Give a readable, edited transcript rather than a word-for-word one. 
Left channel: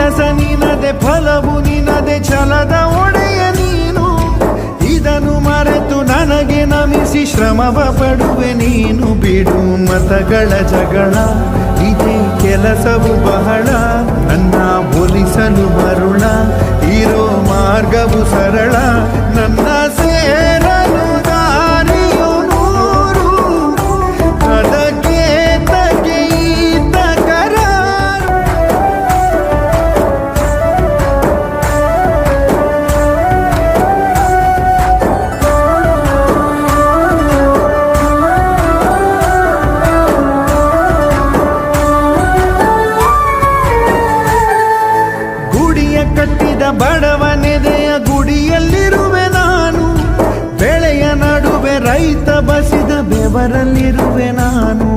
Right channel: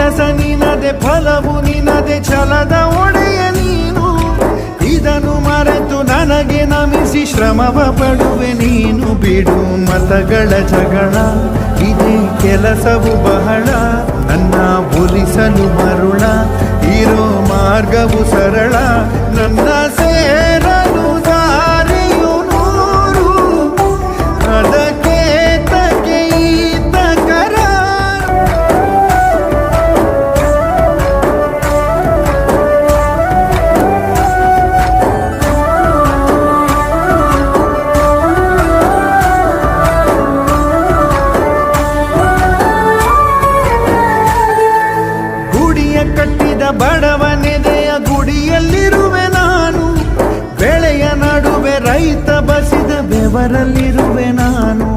ಕೆಲಸ ನಿನದೆ ಫಲವು ನಿನದೆ ಛಲದ ಒಡೆಯ ನೀನು. ಇದನ್ನು ಮರೆತು ನನಗೆ ನಮಿಸಿ ಶ್ರಮವ ಪಡುವೆ ನೀನು. ಬಿಡು ಮತಗಳ ಜಗಳ, ಇದೇ ಕೆಲಸವು ಬಹಳ. ನನ್ನ ಒಲಿಸಲು ಮರುಳ, ಇರೋ ಮಾರ್ಗವು ಸರಳ. ನನ್ನ ಸೇರಲು ದಾರಿಯು ನೂರು, ಅದಕ್ಕೆ ತಕ್ಕೆ ಈತ ಕರಾರು. ಗುಡಿಯ ಕಟ್ಟಿದ ಬಡವನೆದೆಯ ಗುಡಿಯಲ್ಲಿರುವೆ ನಾನು. ಬೆಳೆಯ ನಡುವೆ ರೈತ ಬಸಿದ ಬೆವರಲ್ಲಿರುವೆ ನಾನು.